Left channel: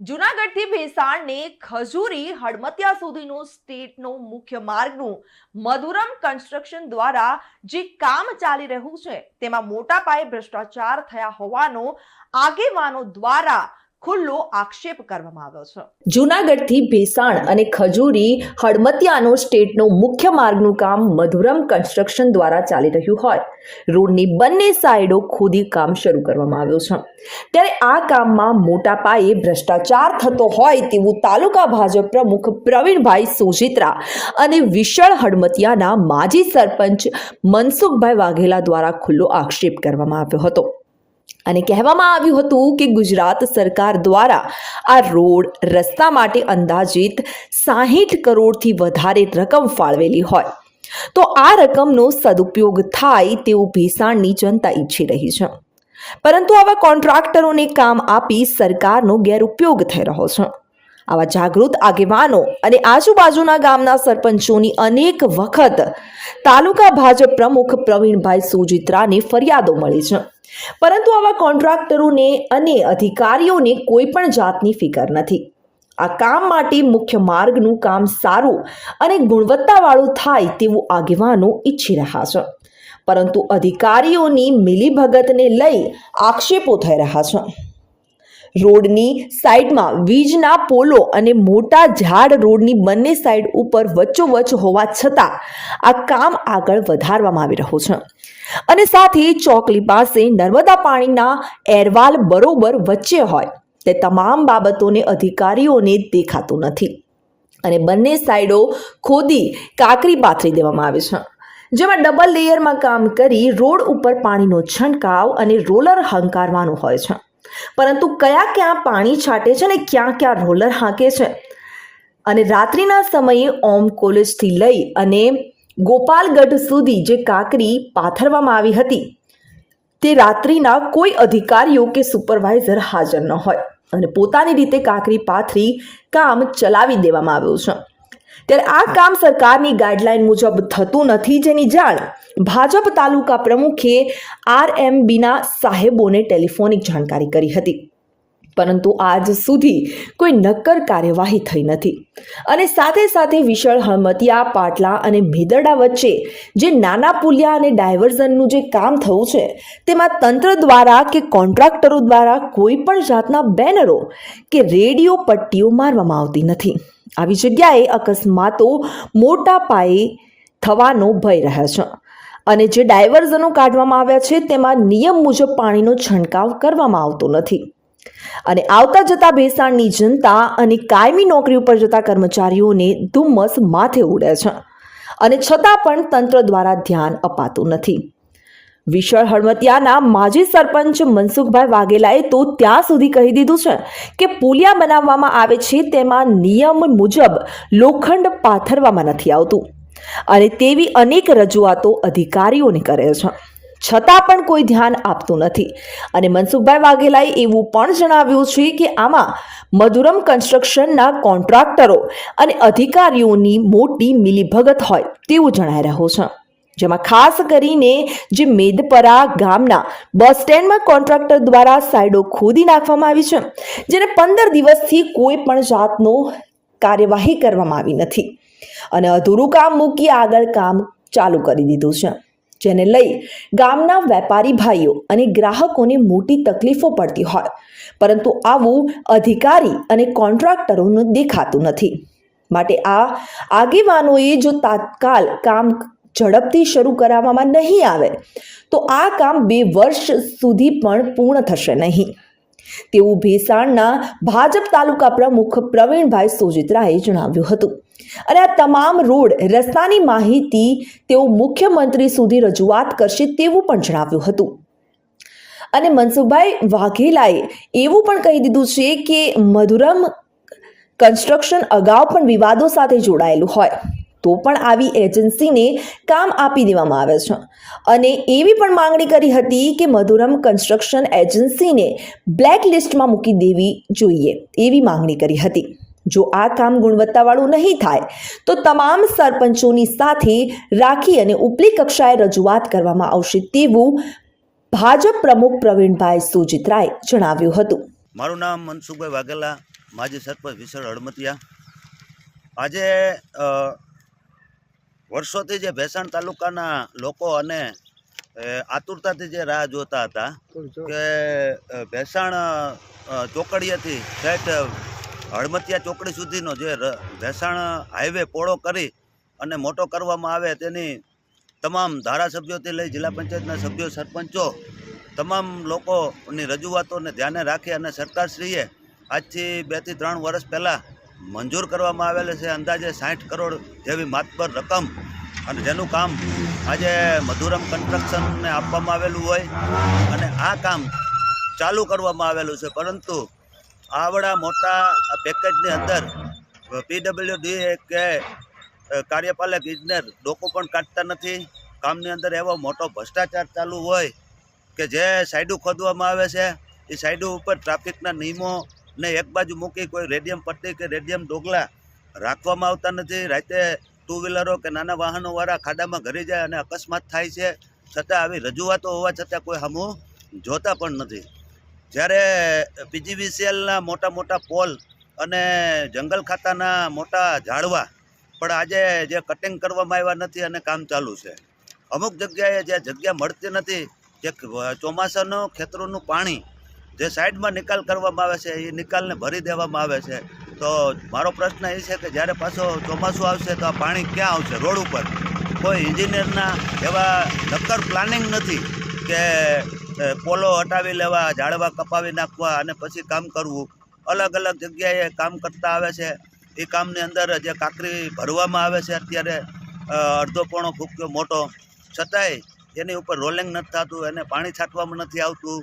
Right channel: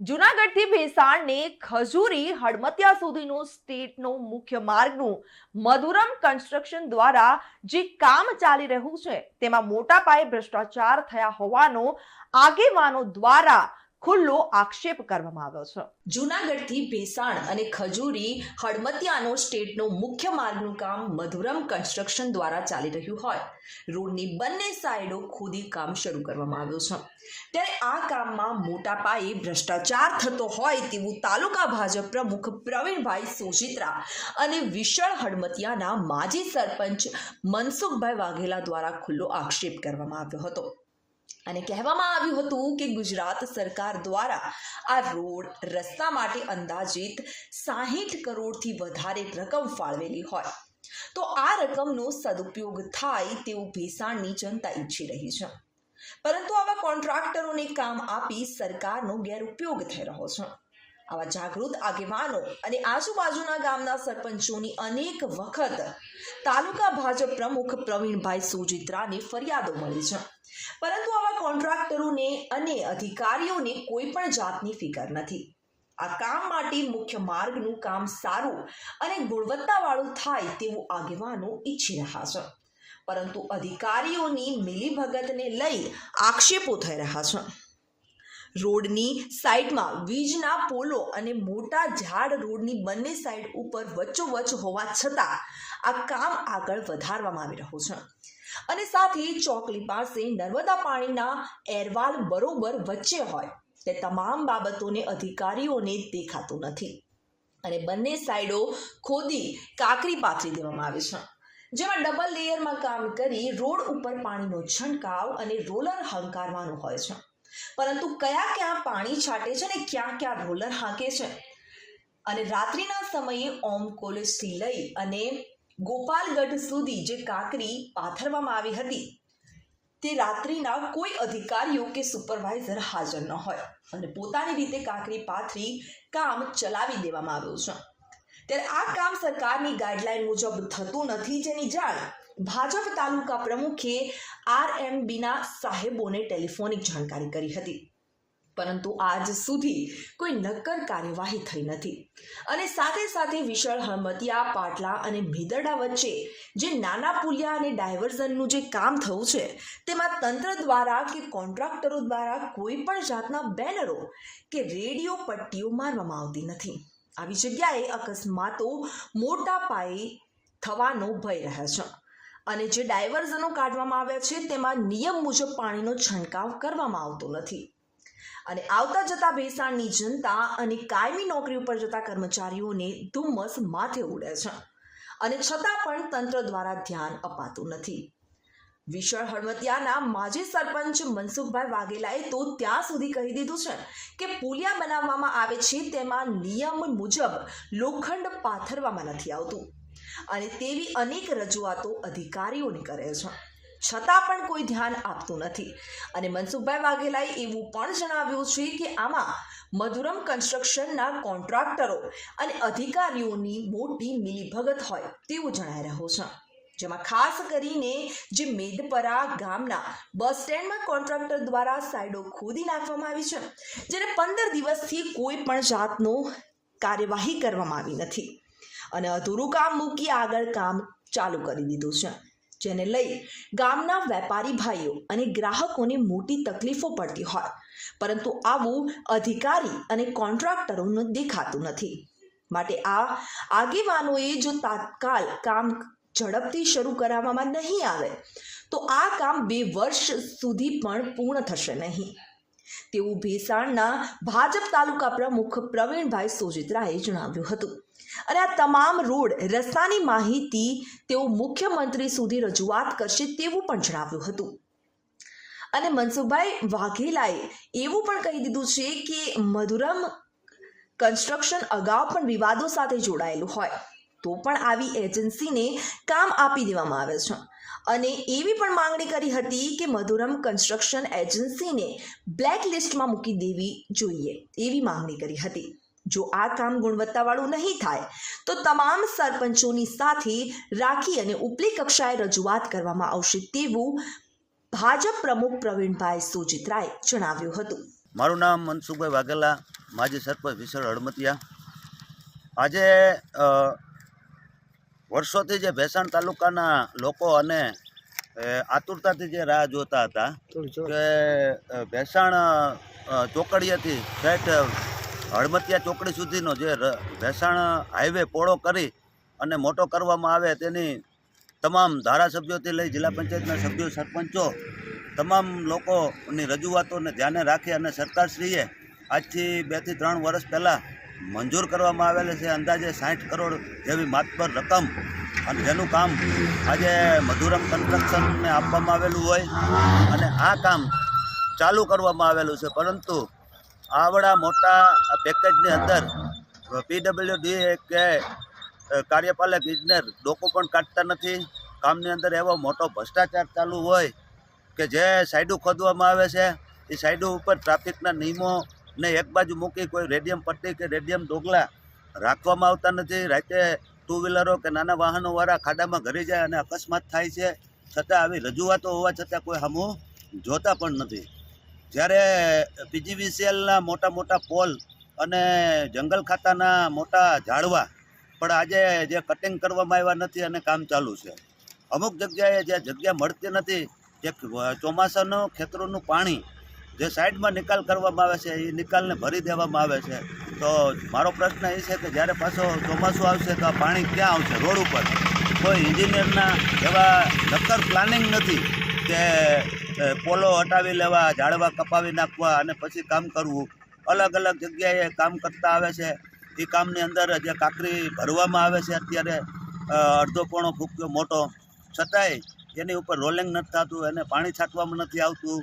જૂનાગઢથી ભેસાણને ખજૂરી હડમતિયા સુધીનો સ્ટેટનો મુખ્ય માર્ગનું મધુરમ કન્સ્ટ્રક્શન દ્વારા જે કામ ચાલી રહ્યું છે તેમાં મોટા પાયે ભ્રષ્ટાચાર થયા હોવાનો આગેવાનો દ્વારા ખુલ્લો આક્ષેપ કરવામાં આવ્યો છે। જૂનાગઢથી ભેસાણ અને ખજૂરી હડમતિયાનો સ્ટેટનો મુખ્ય માર્ગનું કામ મધુરમ કન્સ્ટ્રક્શન દ્વારા ચાલી રહ્યું હોય રોડની બંને સાઈડો ખોદી કામ શરૂ કરવામાં આવ્યું છે, ત્યારે આ કામમાં મોટા પાયે ભ્રષ્ટાચાર થતો હોય તેવું તાલુકા ભાજપ પ્રમુખ પ્રવીણભાઈ સોજિત્રા અને વિશાળ હડમતિયાના માજી સરપંચ મનસુખભાઈ વાઘેલા દ્વારા ખુલ્લો આક્ષેપ કરવામાં આવ્યો હતો અને કહેવામાં આવ્યું હતું કે ગુજરાત સરકાર દ્વારા આ રોડ રસ્તા માટે અંદાજિત 60 કરોડથી વધારે રકમ ફાળવેલી હોય તો આ રકમનો સદુપયોગ થાય તેવું ભેસાણની જનતા ઈચ્છી રહી છે, પરંતુ આવા કોન્ટ્રાક્ટરોને કામ આપી સરકારનો ગેરઉપયોગ થઈ રહ્યો છે। આવા જાગૃત આગેવાનો અને આજુબાજુના ગામના સરપંચોની અનેક વખત તાલુકા ભાજપ પ્રમુખ પ્રવીણભાઈ સોજિત્રાને ફરિયાદો મળી છે, પરંતુ આવા કોન્ટ્રાક્ટરોને અને અધિકારીઓને કોઈ પણ જાતની ફિકર નથી। આ કામ માટે મુખ્ય માર્ગનું કામ સારું અને ગુણવત્તાવાળું થાય તેવું આગેવાનો ઈચ્છી રહ્યા છે, પરંતુ અધિકારીઓની મિલીભગતને લઈ આક્ષેપો થઈ રહ્યા છે। રોડની સાઈડમાં વીજના પોલો અને મોટા ઝાડ રોડની બંને સાઈડ ઉપર વચ્ચોવચ્ચ હોવા છતાં આ કામ આગળ વધારવામાં આવી રહ્યું છે અને સાથે ચોકલી પાસે નર્મદા પાણીના એરવાલ બરોબર વચ્ચે હોય તે તમામ બાબતોને અધિકારીઓને દેખાતું નથી અને બંને સાઈડો ખોદી કાંકરી પાથરી દેવામાં આવી છે, જેમાં ડબલ લેયરમાં કામ કરી રોડ ઉપર પાણીનો છંટકાવ અને રોલર હંકારવાનું હોય છે, પરંતુ ક્યાં પાણી છાંટે છે અને ક્યાં રોલર હાંકે છે અને રાત્રિના સમયે ઓમ કોલેજથી લઈ અને ગોપાલગઢ સુધી જે કાંકરી પાથરવામાં આવી હતી તે રાત્રિના કોઈ અધિકારીઓ કે સુપરવાઇઝર હાજર ન હોય અને પોતાની રીતે કાંકરી પાથરી કામ ચલાવી દેવામાં આવ્યું છે, ત્યારે આ કામ સરકારની ગાઈડલાઈન મુજબ થતું નથી, જેની જાણ ભાજપ તાલુકા પ્રમુખે RMBના સાહેબોને ટેલિફોનિક જાણકારી કરી હતી, પરંતુ આજ સુધી કોઈ નક્કર કાર્યવાહી થઈ નથી અને સાથે સાથે વિશાળ હડમતિયા પાટલા અને મેદરડા વચ્ચે જે નાના પુલિયા અને ડાયવર્ઝનનું જે કામ થયું છે તેમાં તંત્ર દ્વારા કે કોન્ટ્રાક્ટરો દ્વારા કોઈ પણ જાતના બેનરો કે રેડિયો પટ્ટીઓ મારવામાં આવતી નથી। આવી જગ્યાએ અકસ્માતો મોટા પાયે થવાનો ભય રહે છે અને જે ડાયવર્ઝનો કાઢવામાં આવ્યા છે તેમાં નિયમ મુજબ પાણીનો છંટકાવ કરવામાં આવતો નથી અને આવતા જતા ભેસાણની જનતા અને કાયમી નોકરી ઉપર જતા કર્મચારીઓને ધુમ્મસ માથે ઉડે છે અને છતાં પણ તંત્ર દ્વારા ધ્યાન અપાતું નથી। વિશાળ હડમતિયાના માજી સરપંચ મનસુખભાઈ વાઘેલાએ તો ત્યાં સુધી કહી દીધું છે કે પુલિયા બનાવવામાં આવે છે તેમાં નિયમ મુજબ લોખંડ પાથરવામાં નથી આવતું અને તેવી અનેક રજૂઆતો અધિકારીઓને કરે છે, છતાં પણ કોઈ ધ્યાન આપતું નથી અને મનસુખભાઈ વાઘેલાએ એવું પણ જણાવ્યું છે કે આમાં મધુરમ કન્સ્ટ્રક્શનના કોન્ટ્રાક્ટરો અને અધિકારીઓની મોટી મિલીભગત હોય તેવું જણાઈ રહ્યું છે, જેમાં ખાસ કરીને જે મેદપરા ગામના બસ સ્ટેન્ડમાં કોન્ટ્રાક્ટર દ્વારા સાઈડો ખોદી નાખવામાં આવી છે, જેને 15 દિવસથી કોઈ પણ જાતનો કાર્યવાહી કરવામાં આવી નથી અને અધૂરું કામ મૂકી આગળ કામ ચાલુ કરી દીધું છે, જેને લઈ ગામના વેપારી ભાઈઓ અને ગ્રાહકોને મોટી તકલીફો પડતી હોય, પરંતુ આવું અધિકારી અને કોન્ટ્રાક્ટરોને દેખાતું નથી। માટે આ આગેવાનોએ જો તાત્કાલ કામ ઝડપથી શરૂ કરાવવામાં નહીં આવે તો આ કામ 2 વર્ષ સુધી પણ પૂર્ણ થશે નહીં તેવું ભેસાણના ભાજપ તાલુકા પ્રમુખ પ્રવીણભાઈ સોજિત્રાએ જણાવ્યું હતું અને આ તમામ રોડ રસ્તાની માહિતી તેઓ મુખ્યમંત્રી સુધી રજૂઆત કરશે તેવું પણ જણાવ્યું હતું અને મનસુખભાઈ વાઘેલાએ એવું પણ કહી દીધું છે કે મધુરમ કન્સ્ટ્રક્શન અગાઉ પણ વિવાદો સાથે જોડાયેલું હોય તો પણ આવી એજન્સીને કામ આપી દેવામાં આવે છે અને એવી પણ માંગણી કરી હતી કે મધુરમ કન્સ્ટ્રક્શન એજન્સીને બ્લેક લિસ્ટમાં મૂકી દેવી જોઈએ એવી માંગણી કરી હતી। જો આ કામ ગુણવત્તાવાળું નહીં થાય તો તમામ સરપંચોની સાથે રાખી અને ઉપલી કક્ષાએ રજૂઆત કરવામાં આવશે તેવું ભાજપ પ્રમુખ પ્રવીણભાઈ સોજિત્રાએ જણાવ્યું હતું। મારું નામ મનસુખભાઈ વાઘેલા, માજી સરપંચ વિસળ હળમતિયા. આજે વર્ષોથી જે ભેસાણ તાલુકાના લોકો અને આતુરતાથી જે રાહ જોતા હતા કે ભેસાણ ચોકડીએથી ઠેઠ હળમતિયા ચોકડી સુધીનો જે ભેસાણ હાઈવે પહોળો કરી અને મોટો કરવામાં આવે તેની તમામ ધારાસભ્યોથી લઈ જિલ્લા પંચાયતના સભ્યો, સરપંચો, તમામ લોકોની રજૂઆતોને ધ્યાને રાખી અને સરકારશ્રીએ આજથી 2 થી 3 વર્ષ પહેલાં મંજૂર કરવામાં આવેલ છે અંદાજે 60 કરોડ જેવી માતબર રકમ, અને જેનું કામ આજે મધુરમ કન્સ્ટ્રક્શનને આપવામાં આવેલું હોય અને આ કામ ચાલુ કરવામાં આવેલું છે. પરંતુ આવડા મોટા પેકેજની અંદર PWD કે કાર્યપાલક ઇજનેર ડોકો પણ કાઢતા નથી. કામની અંદર એવો મોટો ભ્રષ્ટાચાર ચાલુ હોય કે જે સાઈડો ખોદવામાં આવે છે એ સાઈડો ઉપર ટ્રાફિકના નિયમોને એક બાજુ મૂકી કોઈ રેડિયમ પટ્ટી કે રેડિયમ ડોગલા રાખવામાં આવતા નથી. રાતે 2 વ્હીલરો કે નાના વાહનોવાળા ખાડામાં ઘરી જાય અને અકસ્માત થાય છે. છતાં આવી રજૂઆતો હોવા છતાં કોઈ સામું જોતા પણ નથી. જ્યારે PGVCLના મોટા મોટા પોલ અને જંગલ ખાતાના મોટા ઝાડવા પણ આજે જે કટિંગ કરવામાં આવ્યા નથી અને કામ ચાલુ છે. અમુક જગ્યાએ જે જગ્યા મળતી નથી, જે ચોમાસાનું ખેતરોનું પાણી જે સાઈડમાં નિકાલ કરવામાં આવે છે એ નિકાલને ભરી દેવામાં આવે છે. તો મારો પ્રશ્ન એ છે કે જ્યારે પાછો ચોમાસું આવશે તો આ પાણી ક્યાં આવશે? રોડ ઉપર કોઈ એન્જિનિયરના એવા નક્કર પ્લાનિંગ નથી કે પોલો હટાવી લેવા, ઝાડવા કપાવી નાખવા અને પછી કામ કરવું. અલગ અલગ જગ્યાએ કામ કરતા આવે છે. એ કામની અંદર જે કાંકરી ભરવામાં આવે છે અત્યારે અડધો પોણો ફૂક્યો મોટો, છતાંય એની ઉપર રોલિંગ નથી થતું, એને પાણી છાંટવામાં નથી આવતું.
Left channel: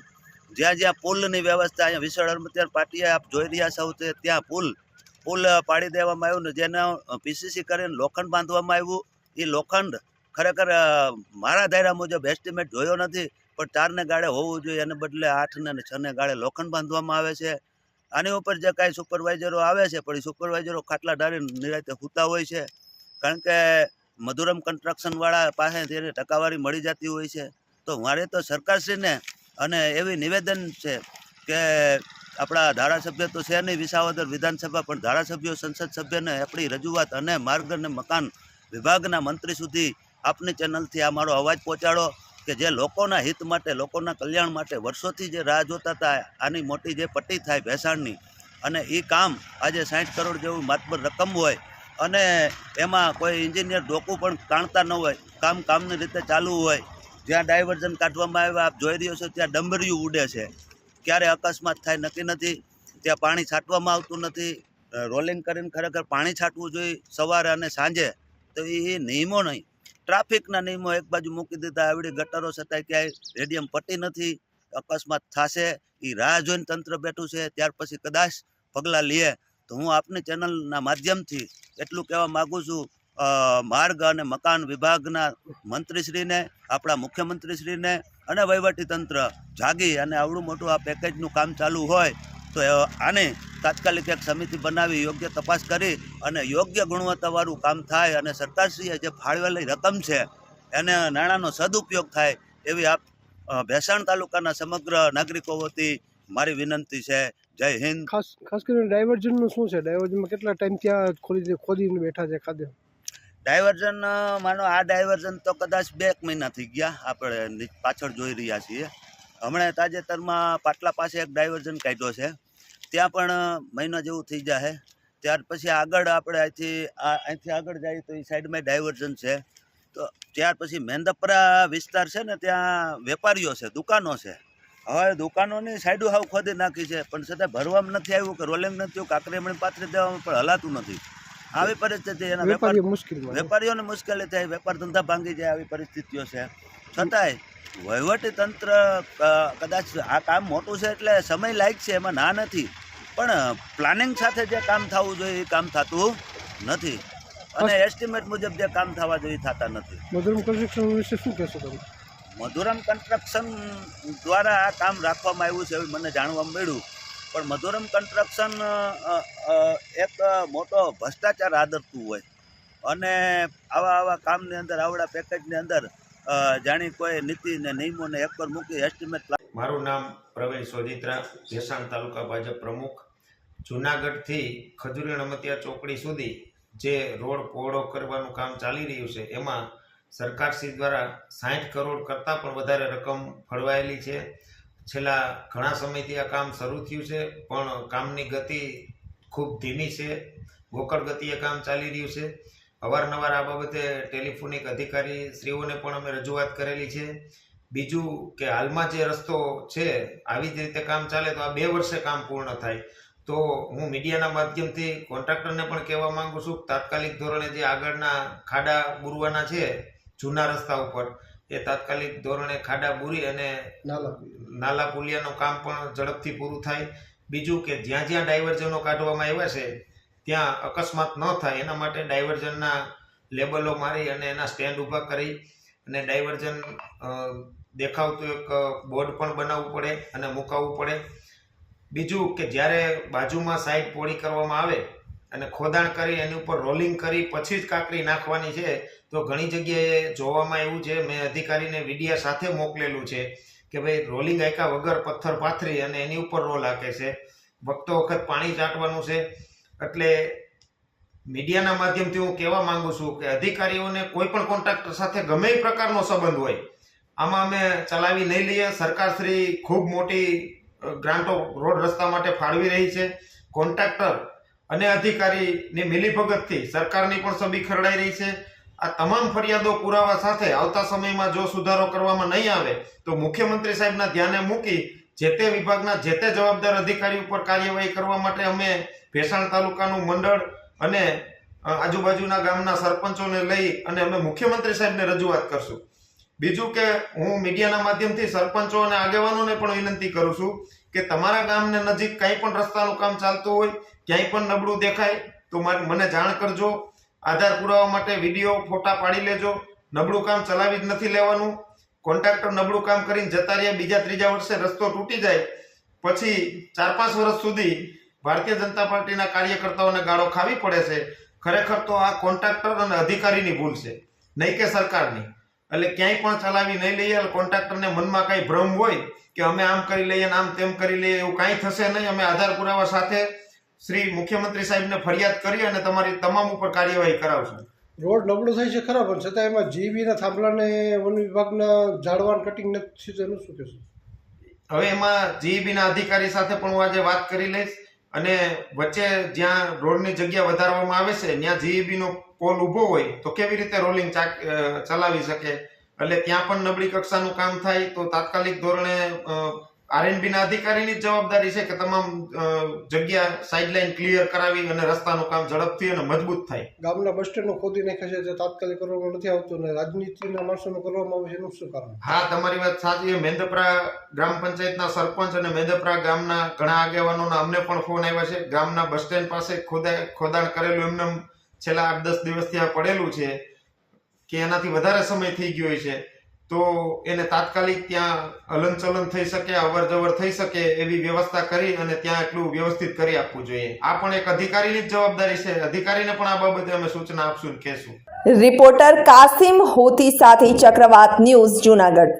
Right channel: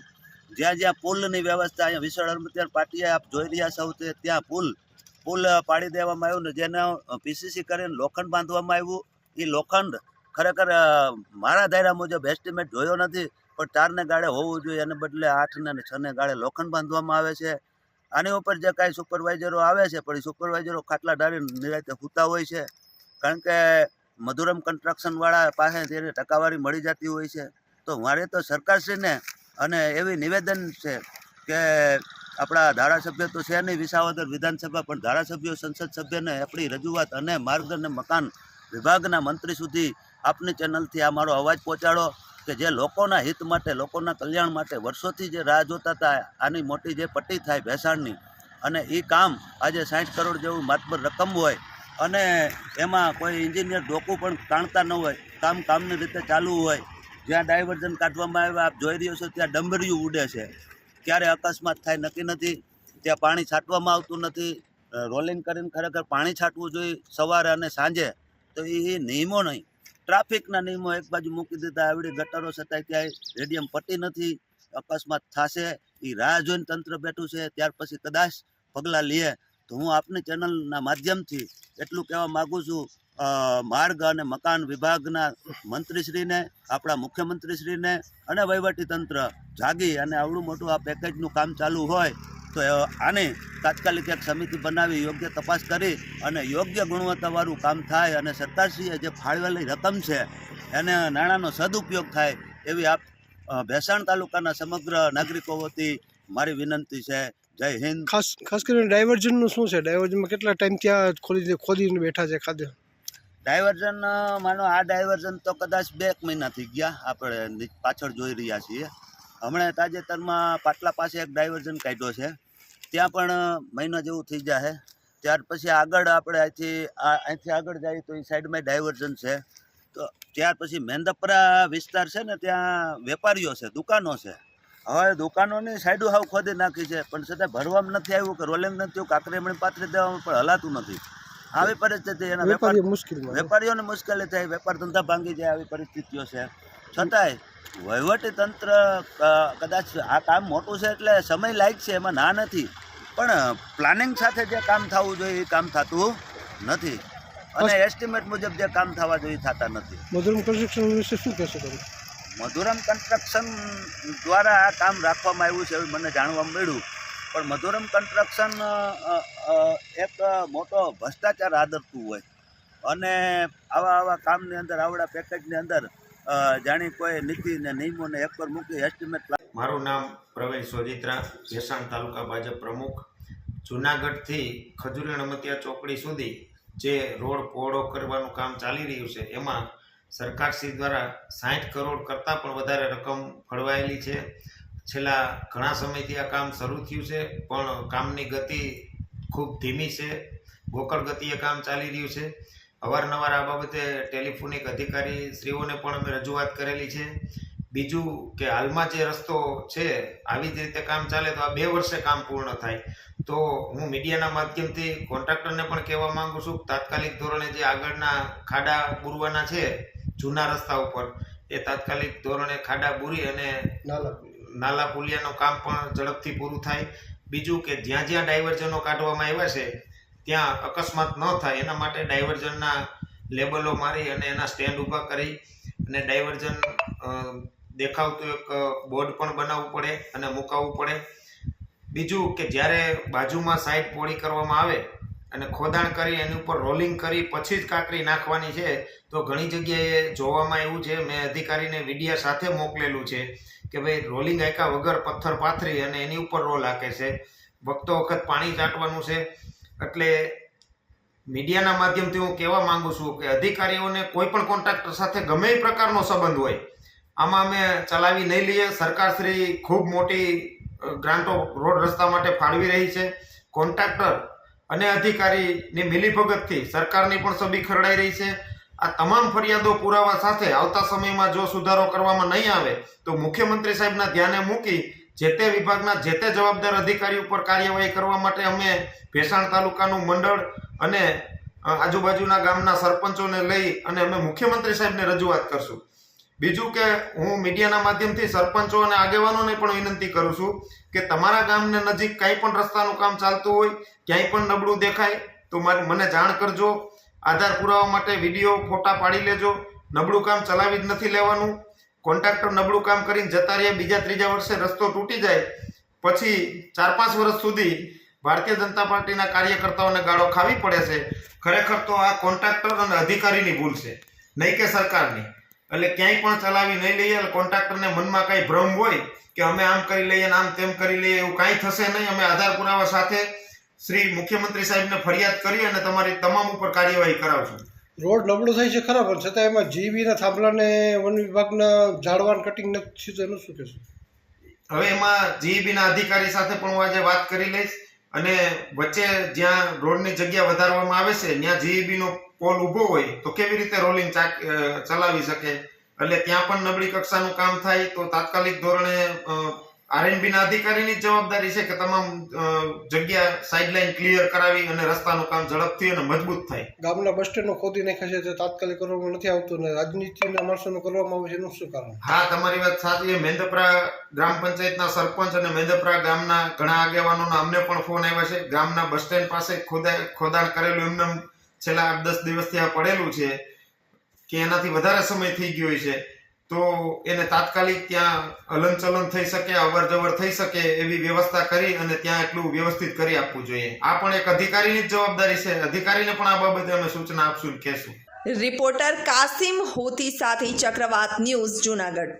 જ્યાં જ્યાં પુલની વ્યવસ્થા અહીંયા વિસળ હળમતિયા પાટીએ આપ જોઈ રહ્યા છો ત્યાં પુલ પાડી દેવામાં આવ્યું ને જેને PCC કરીને લોખંડ બાંધવામાં આવ્યું. એ લોખંડ ખરેખર મારા ધાર્યા મુજબ એસ્ટિમેટ જોયો નથી, પણ 4 ને ગાળે હોવું જોઈએ, એને બદલે 8 ને 6 ને ગાળે લોખંડ બાંધવામાં આવે છે. આની ઉપર જે કાંઈ સુપરવાઇઝરો આવે છે પણ એ સુપરવાઇઝરો ખાટલા ડાળીને નિરાંતે સૂતા હોય છે, કારણ કે મધુરમ કન્સ્ટ્રક્શનવાળા પાસે તેને ટકાવારી મળી જતી હોય છે. તો મારે તો સરકારશ્રીને અને એવી નિવેદન છે કે આપણા ધારાસભ્ય તો છે નહીં વિસાવદર વિધાનસભા, પણ ધારાસભ્યો, સંસદ સભ્યને આપણી રજૂઆત અને માર્ગ અને મકાન વિભાગના મંત્રી સુધી આપની ચેનલથી આ મારો અવાજ પહોંચાડો કે જે લોકોના હિત માટે, લોકોના કલ્યાણ માટે વર્ષોથી જે રાહ જોતા હતા આની મોટી જે પટ્ટી થાય ભેસાણની, અને એ કામ આજે 60 કરોડ જેવું માતબર રકમ હોય અને એમાં કોઈ એન્જિનિયર ડોકું પણ કાઢતા ન હોય, કામની રીતે ચાલુ હોય. જ્યાં ડાયવર્ઝન કાઢવામાં આવે આપ જોઈ રહ્યો છો ત્યાં ડંબરિયું ઉડે છે, ક્યારે અકસ્માત થાય નક્કી નથી. ત્યાં પાણી છાંટવામાં આવતું નથી. રોલિંગ કરીને ખરેખર પાણી છાંટવું જોઈએ સવારે અને સાંજે. તો એ નિયમો નહીં, ટ્રાફિકના નિયમો એક બાજુ મૂકી દીધા. આવડી ગટરો છતાંય ક્યાંય રેડિયમ પટ્ટી નથી. અકસ્માત થશે એ રાહ જોઈને તંત્ર બેઠું છે. ત્યાર પછી કદાચ પગલાં લે તો હું આપની ચેનલના માધ્યમથી એટલું કહેવા માગું છું, માર્ગ અને મકાન વિભાગના મંત્રીશ્રીને, આપણા મુખ્યમંત્રીશ્રીને અને વહીવટીતંત્ર જાગી અને આવડું મોટું આ પેકેજનું કામ ચાલુ હોય તો આને તાત્કાલિક એક સમિતિ બનાવી યોગ્ય તપાસ કરી અને યોગ્ય ગુણવત્તાવાળું કામ થાય અને સરકારશ્રીએ જે ફાળવેલી રકમ છે એને નાણાંનો સદુપયોગ થાય એવી આપ ભેસાણ તાલુકાના સમગ્ર નાગરિકો વતી મારી વિનંતી છે. જય હિન્દ. ખાસ કરીને ડાયવર્ઝનનું શું છે? ડાયવર્ઝનમાં કેટલા ટાઈમ ત્યાં ખોદીને બેઠા છે ખાધે? ડાયવર્ઝન માનો આ ડાયવર્ઝન તો કદાચ 2 મહિના થઈ ગયા, આપણે પાછળ જોઈ રહ્યા છીએ. હમણાં તાજેતરમાં પાટલા પાસે એક ડાયવર્ઝન કાઢ્યો છે, ત્યાં પણ મહિના જેવું થઈ જાય. ત્યાર પછી આગળ આપણે અહીંથી આગળ જઈએ તો એ સાઈડમાં ડાયવર્ઝન છે. તો ત્યાર પછી મેંદપરા વિસ્તાર છે ને ત્યાં વેપારીઓ છે, દુકાનો છે. હવે દુકાનોની સાઈડો હાવ ખોદી નાખી છે, પણ છતાં ભરવામાં નથી આવ્યું કે રોલિંગ નથી થયું, કાંકરીમણી પાથરી દેવામાં પણ હલાતું નથી. આવી પરિસ્થિતિ એના વેપારીઓને મુશ્કેલી થાય, વેપાર ધંધા ભાંગી જાય, આવી પરિસ્થિતિઓ છે. છતાંય વહીવટી તંત્ર કદાચ આ કામ મોટું છે એટલે સમય લાગશે, એમાં ના નથી, પણ પ્લાનિંગ સાથે જે કામ થવું જોઈએ એ કામ થતું નથી અને એસ્ટિમેટ મુજબ જે કામ થવા જોઈએ થતા નથી. મધુરમ કન્સ્ટ્રક્શન વિશે શું કહેશો તમે? મધુરમ કન્સ્ટ્રક્શન દ્વારા આ કામ રાખવામાં આવ્યું છે એવું મને જાણવા મળ્યું, પણ મધુરમ કન્સ્ટ્રક્શન એક મોટો ભ્રષ્ટાચાર આદરતું હોય અને આવા કામની અંદર, આવડા પેકેજની અંદર જાણી કોઈ નીતિ ને નિયમોને એક પર મૂકી એસ્ટિમેટ. મારું નામ પ્રવીણ સોજિત્રા, ભેસાણ તાલુકા ભાજપ પ્રમુખ. જૂનાગઢથી ખજૂરી હડમતિયા ચોકડી સુધી જે રોડ પહોળો કરવાનું કામ ચાલી રહ્યું છે એમાં સરકારશ્રી દ્વારા 60 કરોડ કરતાં પણ વધારે રકમ ફળવાયેલી છે. છેલ્લા ઘણા સમયથી આ કામ શરૂ થયું છે પણ કામની ગતિ ખૂબ ધીમી છે. ગોકળ ગતિએ કામ ચાલી રહ્યું છે. અવારનવાર આ બાબતે ટેલિફોનિક અધિકારી શ્રીઓને પણ અમે રજૂઆત કરેલી છે. બીજું કે હાલમાં જે રસ્તો છે આવી જ રીતે કામ ચાલે તો આ 2 વર્ષે કામ પૂર્ણ થાય. તો હું મીડિયાના માધ્યમથી કોન્ટ્રાક્ટરને પણ કહેવા માંગુ છું કે તાત્કાલિક ધોરણે જે આગળના ખાડા બુરવાના છે જૂના રસ્તા ઉપર એ તાત્કાલિક ધોરણે ખાડા બુરી અને નાલા પુલિયાનું કામ પણ ઝડપથી પૂરું થાય. બીજું કે જ્યાં જ્યાં ડાયવર્ઝનો કાઢવામાં આવ્યા છે ત્યાં અકસ્માત ન થાય એના માટે ડાયવર્ઝનના લેબલો મારી અને એના સ્ટેન્ડ ઊભા કરી અને ડાયવર્ઝન દેખાવતું એક બોર્ડ પણ બનાવવું પડે અને મુકાવવું પડે. બીજું કે જ્યારે બાજુમાં સાઈડ પોળી કરવામાં આવે અને ખોદાણ કરી એની ઉપર રોલિંગ કરી પછી જ કાંકરી નાખવાની છે તો ઘણી જગ્યાએ જોવામાં આવ્યું છે, મેં અધિકારીને વિડીયા સાથે મોકલેલું છે કે ભાઈ રોલિંગ આંકા વગર પથ્થર પાથરી અને એની ઉપર રોલ હાકે છે. વખતો વખત પાણી ચાટવાનું છે. એટલે મીડિયાના માધ્યમથી હું કહેવા માંગુ છું કે અધિકારીઓને કોઈ પણ કોન્ટ્રાક્ટર સાથે ગમે એ પ્રકારનો સંબંધ હોય આમાં અમે ચલાવી નહીં લઈએ. સરકારશ્રી ખૂબ મોટી ગ્રાન્ટો રોડ રસ્તા માટે ફાળવી રહી છે. કોન્ટ્રાક્ટર અને અધિકારીની મિલીભગતથી સરકારની પણ છબી ખરડાઈ રહી છે. આ તમામ ફરિયાદો પુરાવા સાથે આવતા સમયમાં જો સુધારો કરવામાં નહીં આવે તો મુખ્યમંત્રી સાહેબના ધ્યાને મૂકી જે તે વિભાગના જે તે જવાબદાર અધિકારી ઉપર કાર્યવાહી કરવા માટે અમે ભેસાણ તાલુકાનું મંડળ અને આજુબાજુના ગામના સરપંચોને લઈ અને અમે મુખ્યમંત્રી સાહેબને રજૂઆત કરશું. બીજું કે હું મીડિયાના માધ્યમથી સરપંચો અને આગેવાનોને પણ વિનંતી કરું છું કે તમારા ગામને નજીક કંઈ પણ રસ્તાનું કામ ચાલતું હોય, ક્યાંય પણ નબળું દેખાય તો મને જાણ કરજો. આધાર પુરાવા માટે વિડીયો ફોટા પાડી લેજો. નબળું કામ ચલાવી જ નથી લેવાનું. કોન્ટ્રાક્ટર નબળું કામ કરીને જતા રહ્યા, બીજા ત્રીજા વર્ષે રસ્તો તૂટી જાય પછી 4-5 વર્ષ સુધી ભારતીય જનતા પાર્ટીના કાર્યકર્તાઓને ગાળો ખાવી પડે છે. ખરેખર તો આ કોન્ટ્રાક્ટર અને અધિકારીની ભૂલ છે, નહીં કે સરકારની. એટલે ક્યાંય પણ ચલાવી નહીં લઈએ. કોન્ટ્રાક્ટરને મનમાં કાંઈ ભ્રમ હોય કે અમે આમ કરી લઈએ ને આમ તેમ કરી લઈએ, એવું કાંઈ થશે નહીં. અમે આધાર પુરાવા સાથે શ્રી મુખ્યમંત્રી સાહેબને ફરિયાદ કરી અને તમારી તમામ ઉપર કાર્યવાહી કરાવશું. રોડ નબળો થાય છે ખરા, પણ છતાં એમાં જીબીના થાંભલાને વન વિભાગના ઝાડવાન કટિંગ નથી થયું એનું શું કહેશું? હવે એમાં જીબીના અધિકારી સાથે પણ હું આજે વાત કરી લઈશ અને વચ્ચે જ્યાં રોડની જગ્યા વધારવામાં આવે છે ત્યાં જીબીનો પોલ ઊભો હોય તો કેવી રીતે રોલિંગ ચલાવી શકે. એટલે ત્યાં પણ નબળી કક્ષાનું કામ થાય તો તાત્કાલિક ધોરણે આરએનબીના અધિકારીની જ જવાબદારી છે કે તમામ જગ્યા સાઇડલાઇન ક્લિયર કરાવી અને રસ્તાનું કામ ઝડપથી અને મજબૂત થાય. ગામના બસ સ્ટેન્ડનો ખોદી નાખ્યા છે તે તાત્કાલિક કરવામાં નથી આવતું ને રાજનીતિના માણસોનો કરવામાં આવે છે એનું શું કારણ? હા, તમારી વાત સાચી. મેંદપરા ગ્રામ પંચાયતના સરપંચ અને મેંદપરા ગામના ઘણા આગેવાનોના અમને પણ ફોન આવ્યા છે. ગામના બસ સ્ટેન્ડ પાસે ખોદાણ કરેલું એમને છેલ્લા 8-10 દિવસથી આ પડેલું છે કે એનાથી વધારે સમય થઈ ગયો છે તો એને તાત્કાલિક ત્યાં હલનચલન થઈ શકે, અવર જવર થઈ શકે એવી વ્યવસ્થા કરી અને ત્યાં એટલું વ્યવસ્થિત કરી આપવું જોઈએ. આ પણ એક અધિકારીની જ જવાબદારી છે. અધિકારીને પણ આ બાબતે અમે સૂચના આપશું, કહેશું. રિપોર્ટર કાસિમ હોતી સાથે ચક્રવાત ન્યૂઝ, જૂનાગઢ.